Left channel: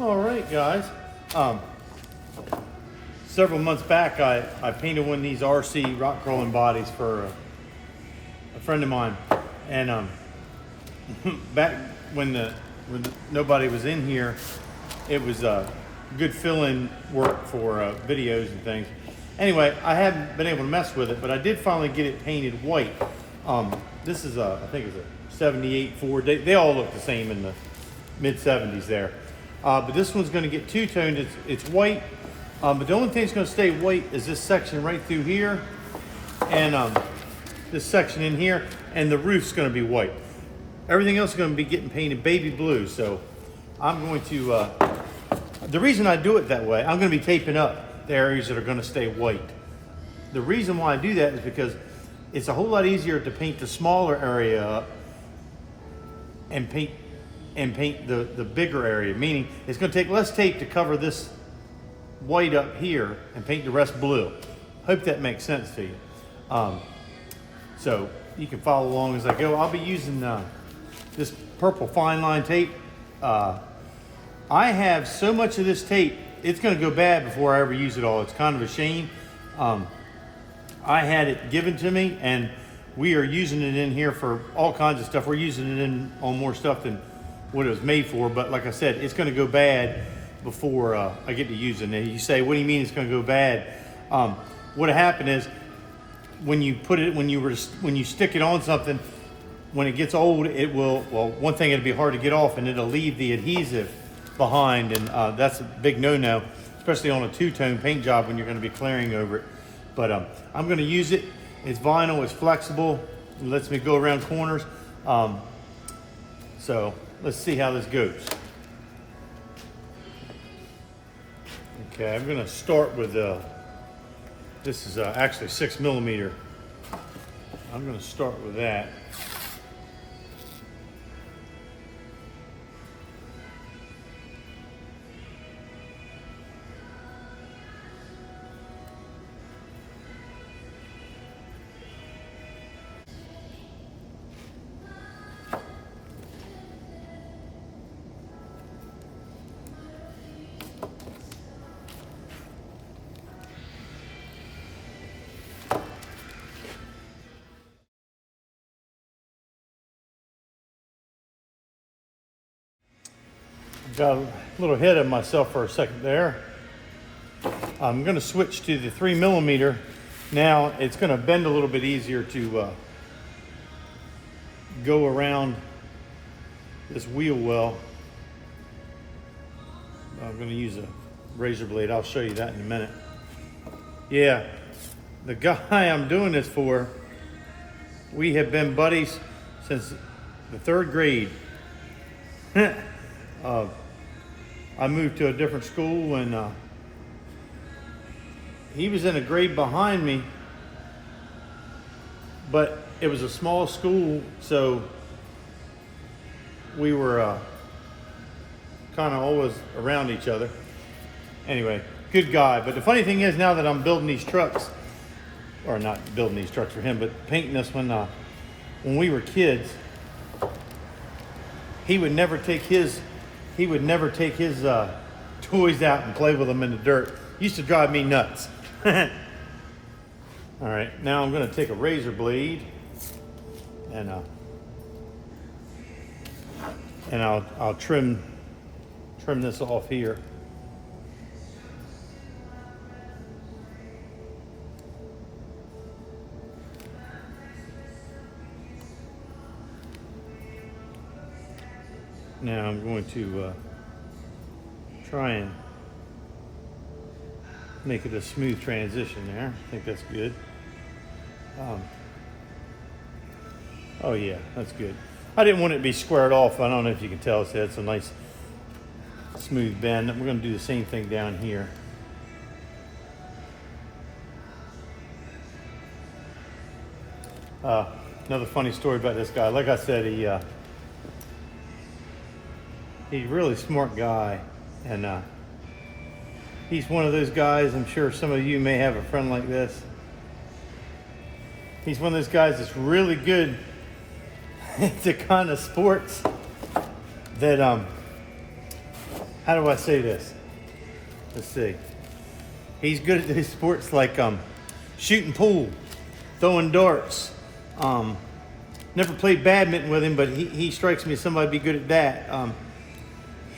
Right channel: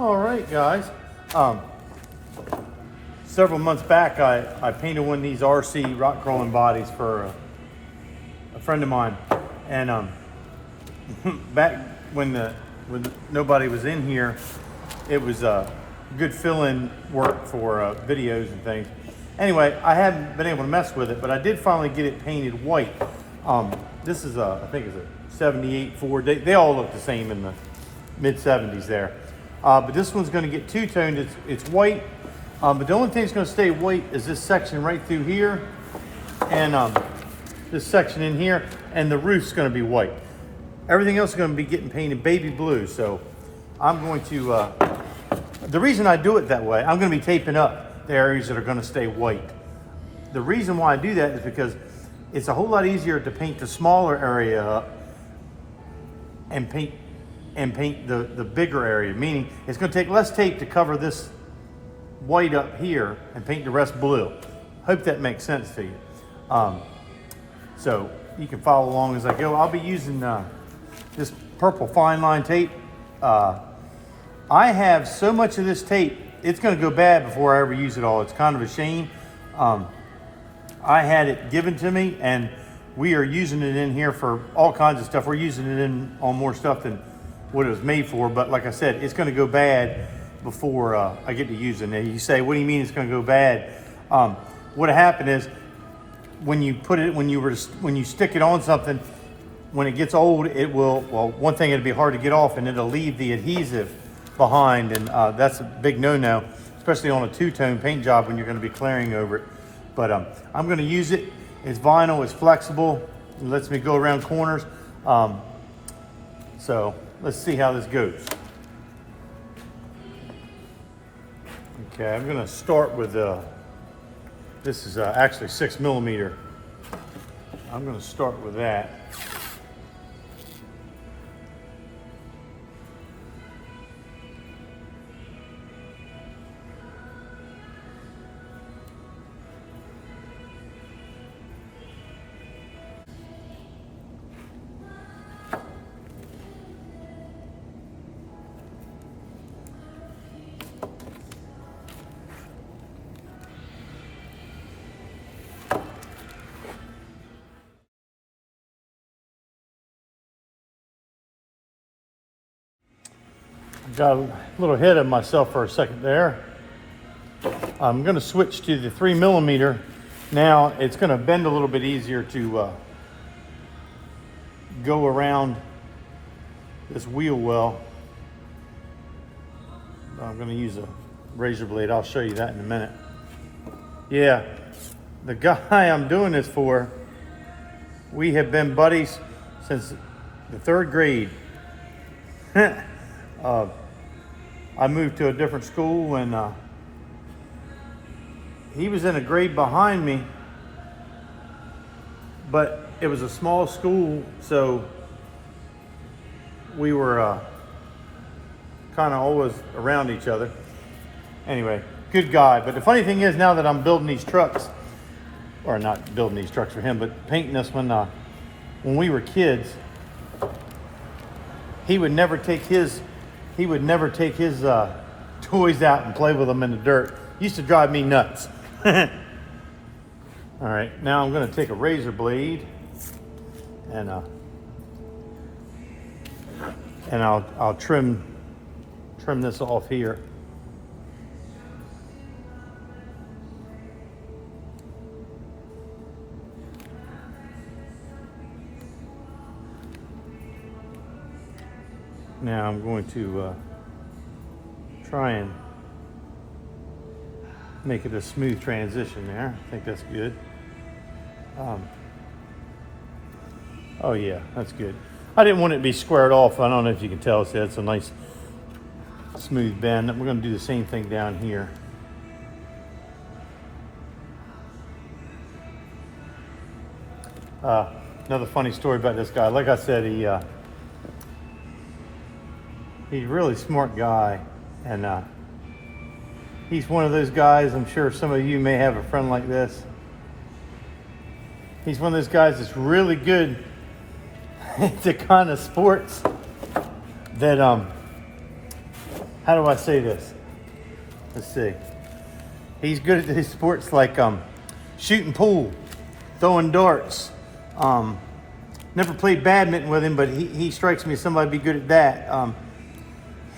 All right, guys. Several months back, I painted one of these RC rock crawling bodies for a friend of mine, and back when nobody was in here, it was good fill-in work for videos and things. Anyway, I haven't been able to mess with it, but I did finally get it painted white. This is I think it's a 78 Ford. They all look the same in the mid 70s there. But this one's going to get two-toned. It's white, but the only thing that's going to stay white is this section right through here, and this section in here, and the roof's going to be white. Everything else is going to be getting painted baby blue. So I'm going to, the reason I do it that way, I'm going to be taping up the areas that are going to stay white. The reason why I do that is because it's a whole lot easier to paint the smaller area up and paint the bigger area, meaning it's going to take less tape to cover this white up here and paint the rest blue. Hope that makes sense to you. So you can follow along as I go. I'll be using this purple fine line tape. I have so much of this tape, it's going to go bad before I ever use it all. It's kind of a shame. I had it given to me, and we are using it in here for all kinds of stuff. We're using it on more stuff than what it was made for, but like I said, it's going to go bad before I get to use it. And you say, what do you mean it's going to go bad? What happened is when you stick it on something, when it gets old, it will, well, one thing, it'll be hard to get off, and it'll leave the adhesive behind, and that's a big no-no, especially on a two-tone paint job when you're going to be clearing over it. But I'm going to use it. It's vinyl, it's flexible, it lets me go around corners. So let's see how this goes. Okay, I'm going to start with this is actually 6mm. I'm going to start with that. Got a little ahead of myself for a second there. I'm going to switch to the 3mm. Now it's going to bend a little bit easier to go around this wheel well. I'm going to use a razor blade. I'll show you that in a minute. Yeah, the guy I'm doing this for, we have been buddies since the 3rd grade. I moved to a different school, and he was in a grade behind me, but it was a small school, so we were kind of always around each other. Anyway, good guy. But the funny thing is, now that I'm building these trucks, or not building these trucks for him, but painting this one, when we were kids, he would never take his toys out and play with them in the dirt. Used to drive me nuts. All right, now I'm going to take a razor blade and I'll trim this off here. Now I'm going to try and make it a smooth transition there. I think that's good. Oh yeah, that's good. I didn't want it to be squared off. I don't know if you can tell, so it's a nice smooth bend. We're going to do the same thing down here. Another funny story about this guy. Like I said, he's a really smart guy, and he's one of those guys, I'm sure some of you may have a friend like this. He's one of those guys that's really good at the kind of sports that how do I say this? Let's see. He's good at his sports like shooting pool, throwing darts. Never played badminton with him, but he strikes me as somebody to be good at that.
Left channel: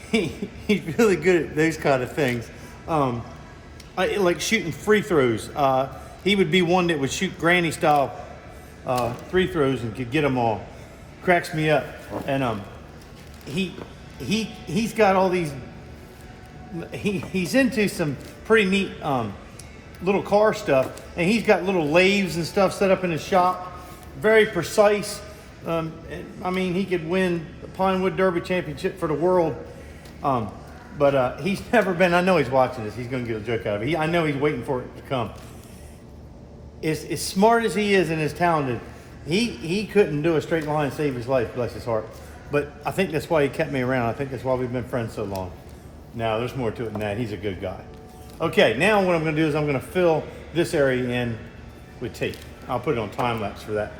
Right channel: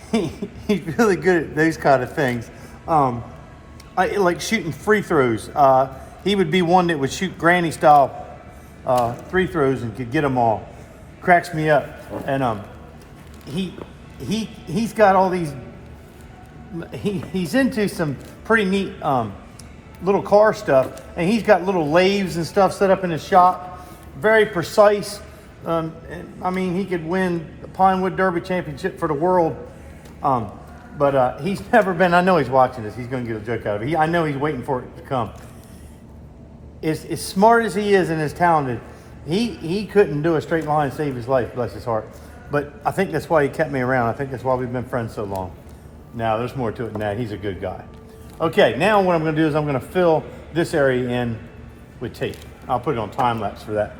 He's really good at those kind of things. I like shooting free throws. He would be one that would shoot granny style free throws and could get them all. Cracks me up. And he's got all these. He's into some pretty neat little car stuff, and he's got little lathes and stuff set up in his shop. Very precise. I mean, he could win the Pinewood Derby Championship for the world. But he's never been. I know he's watching this. He's going to get a joke out of it. I know he's waiting for it to come. As smart as he is and as talented, he couldn't do a straight line and save his life. Bless his heart. But I think that's why he kept me around. I think that's why we've been friends so long. Now, there's more to it than that. He's a good guy. Okay, now what I'm going to do is I'm going to fill this area in with tape. I'll put it on time lapse for that.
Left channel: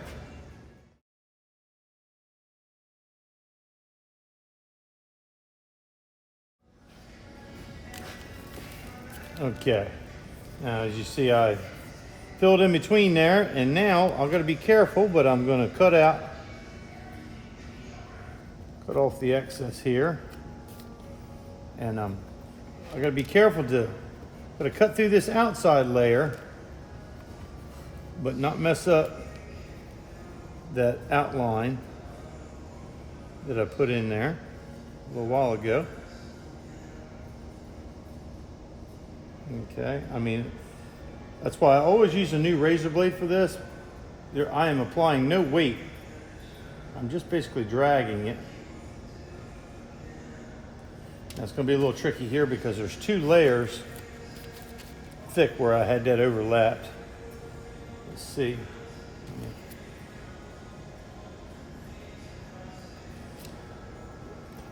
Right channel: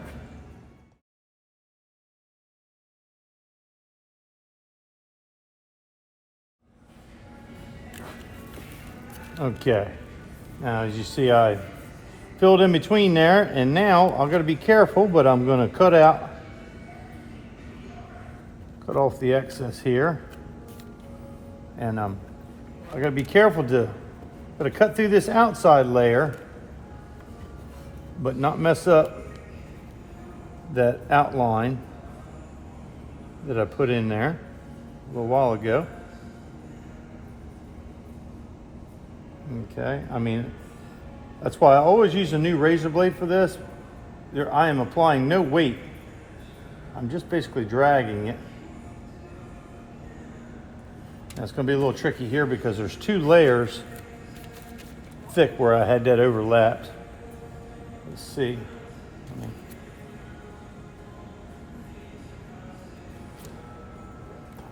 Okay, now as you see, I filled in between there, and now I've got to be careful, but I'm going to cut off the excess here. And I got to be careful to cut through this outside layer, but not mess up that outline that I put in there a little while ago. Okay, I mean, that's why I always use a new razor blade for this. I am applying no weight. I'm just basically dragging it. Now it's going to be a little tricky here because there's two layers thick where I had that overlapped. Let's see.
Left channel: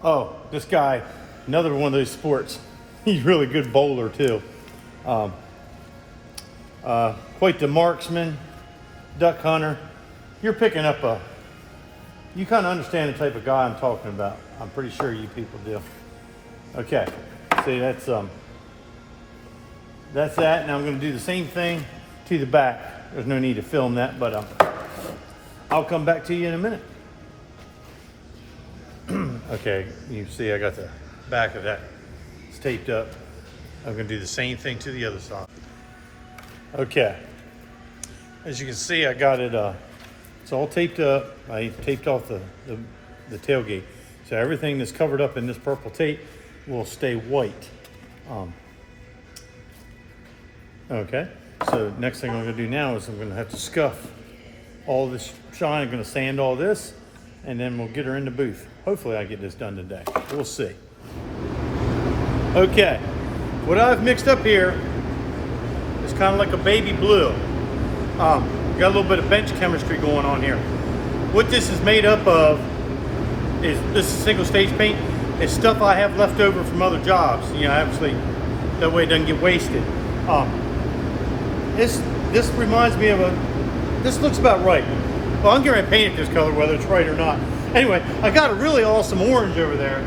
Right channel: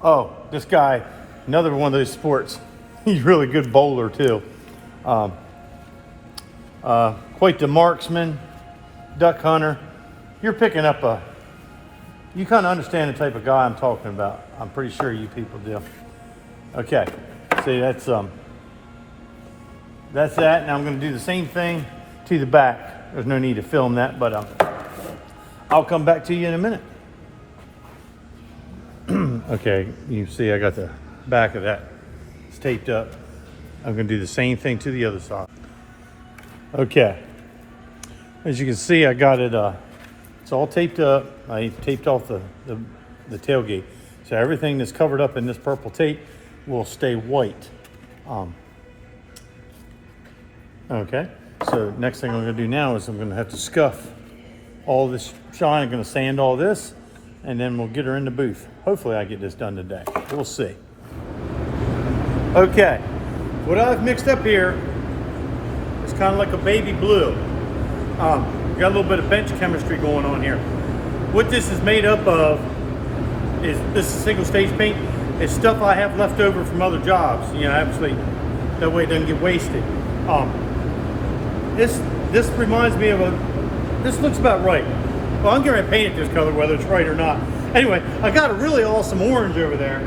Oh, this guy, another one of those sports. He's a really good bowler too. Quite the marksman, duck hunter. You're picking up you kind of understand the type of guy I'm talking about. I'm pretty sure you people do. Okay, see that's that. Now I'm going to do the same thing to the back. There's no need to film that, but I'll come back to you in a minute. Okay, you see I got the back of that. It's taped up. I'm going to do the same thing to the other side. Okay, as you can see, I got it. It's all taped up. I taped off the tailgate, so everything that's covered up in this purple tape will stay white. Okay, so next thing I'm going to do now is I'm going to have to scuff all this shine. I'm going to sand all this, and then we'll get her in the booth. Hopefully I get this done today. We'll see. Okay, what I've mixed up here is kind of like a baby blue. Got a little bit of bench chemistry going on here. What this is made up of is this is single stage paint. It's stuff I have left over from other jobs. You know, obviously that way it doesn't get wasted. This reminds me of this looks about right. Well, I'm going to paint it this color whether it's right or not. Anyway, I got a really awesome orange over there,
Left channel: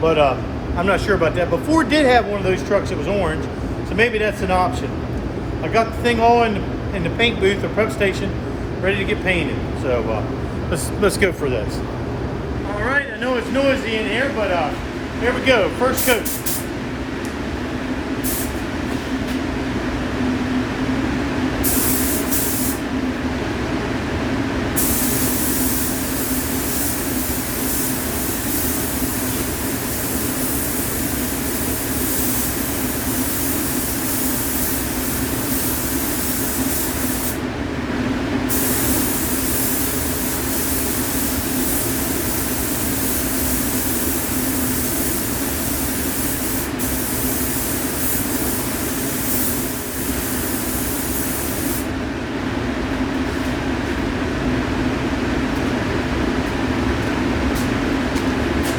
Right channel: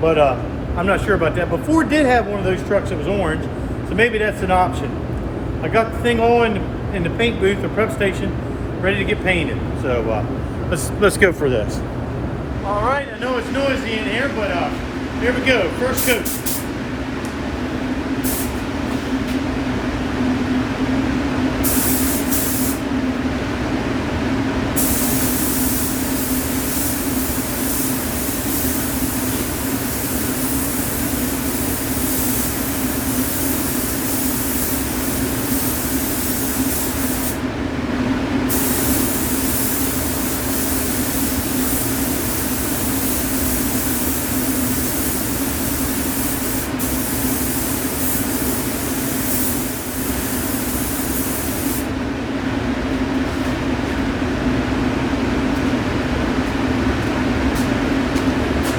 but I'm not sure about that. But Ford did have one of those trucks that was orange, so maybe that's an option. I got the thing all in the paint booth or prep station, ready to get painted. So let's go for this. All right, I know it's noisy in here, but here we go. First coat.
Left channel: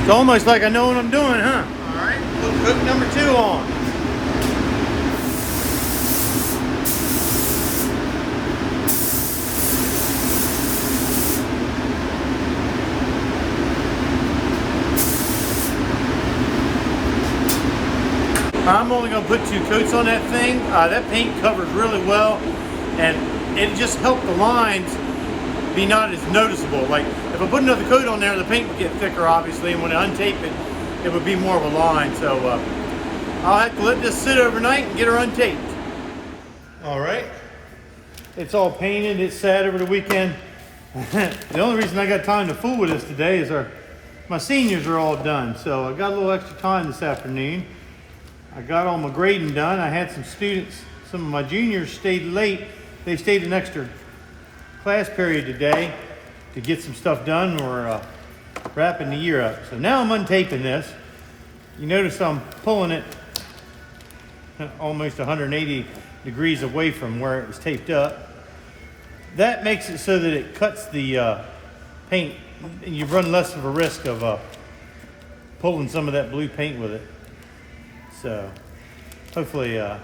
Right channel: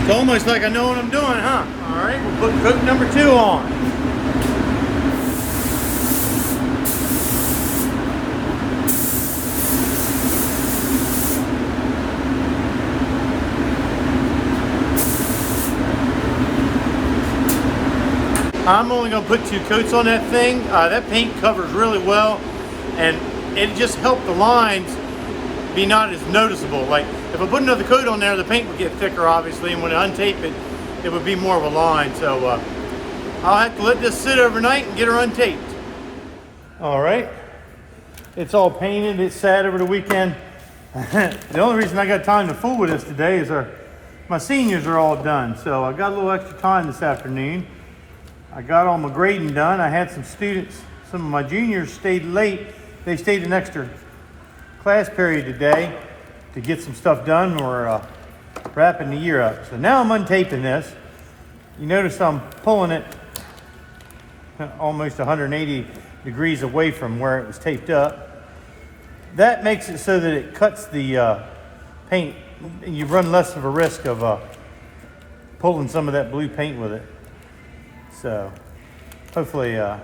It's almost like I know what I'm doing, huh? All right, put coat number 2 on. I'm only going to put 2 coats on that thing. That paint covers really well, and it just helped the lines be not as noticeable. Like if I put another coat on there, the paint would get thicker obviously, and when I untape it, it would be more of a line. So I'll have to let this sit overnight and get her untaped. All right, it's all painted, it's sat over the weekend. The only reason I got time to fool with this today is my seniors are all done. So I got a little extra time this afternoon. I got all my grading done. I had some students, some of my juniors stayed late. They stayed an extra class period today to get some stuff done. We're wrapping the year up. So now I'm untaping this. You notice I'm pulling it almost 180 degrees away from where it was taped up. That makes it so that it cuts the paint, and you run less of a risk of pulling some of that blue paint with it. So hopefully as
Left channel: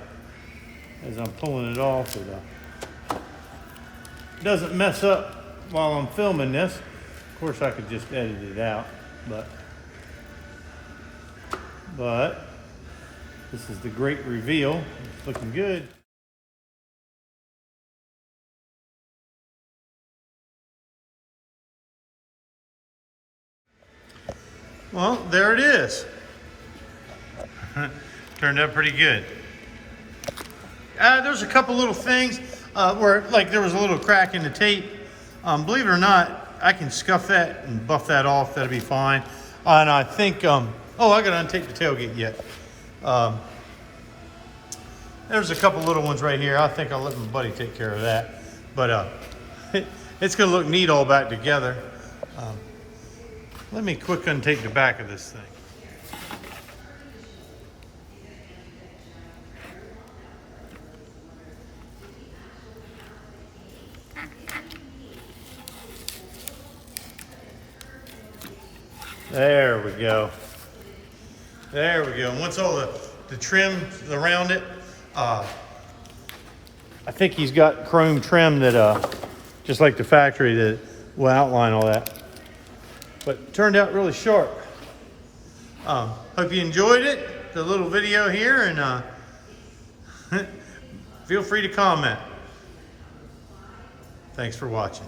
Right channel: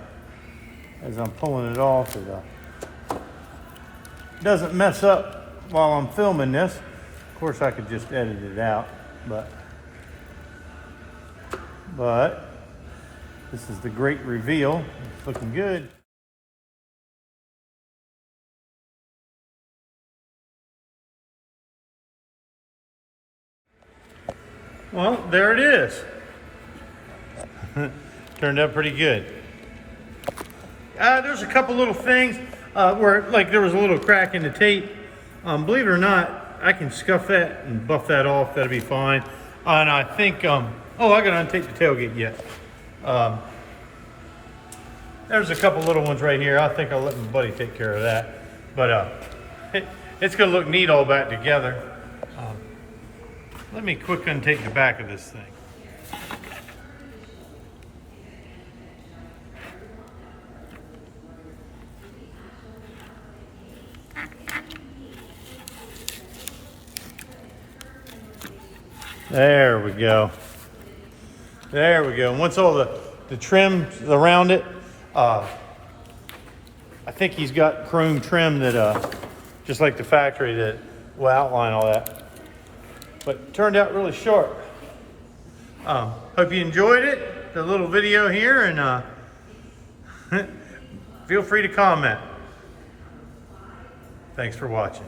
I'm pulling it off, it doesn't mess up while I'm filming this. Of course I could just edit it out, but this is the great reveal. It's looking good. Well, there it is. Turned out pretty good. There's a couple little things where like there was a little crack in the tape. Believe it or not, I can scuff that and buff that off. That'll be fine. And I think, oh, I gotta untape the tailgate yet. There's a couple little ones right here. I think I'll let my buddy take care of that. But it's gonna look neat all back together. Let me quick untape the back of this thing. There we go. There we go. And once all the trim around it, I think he's got chrome trim that, just like the factory, that will outline all that. But it turned out really sharp. Hope you enjoyed it, the little video here, and feel free to comment. Thanks for watching.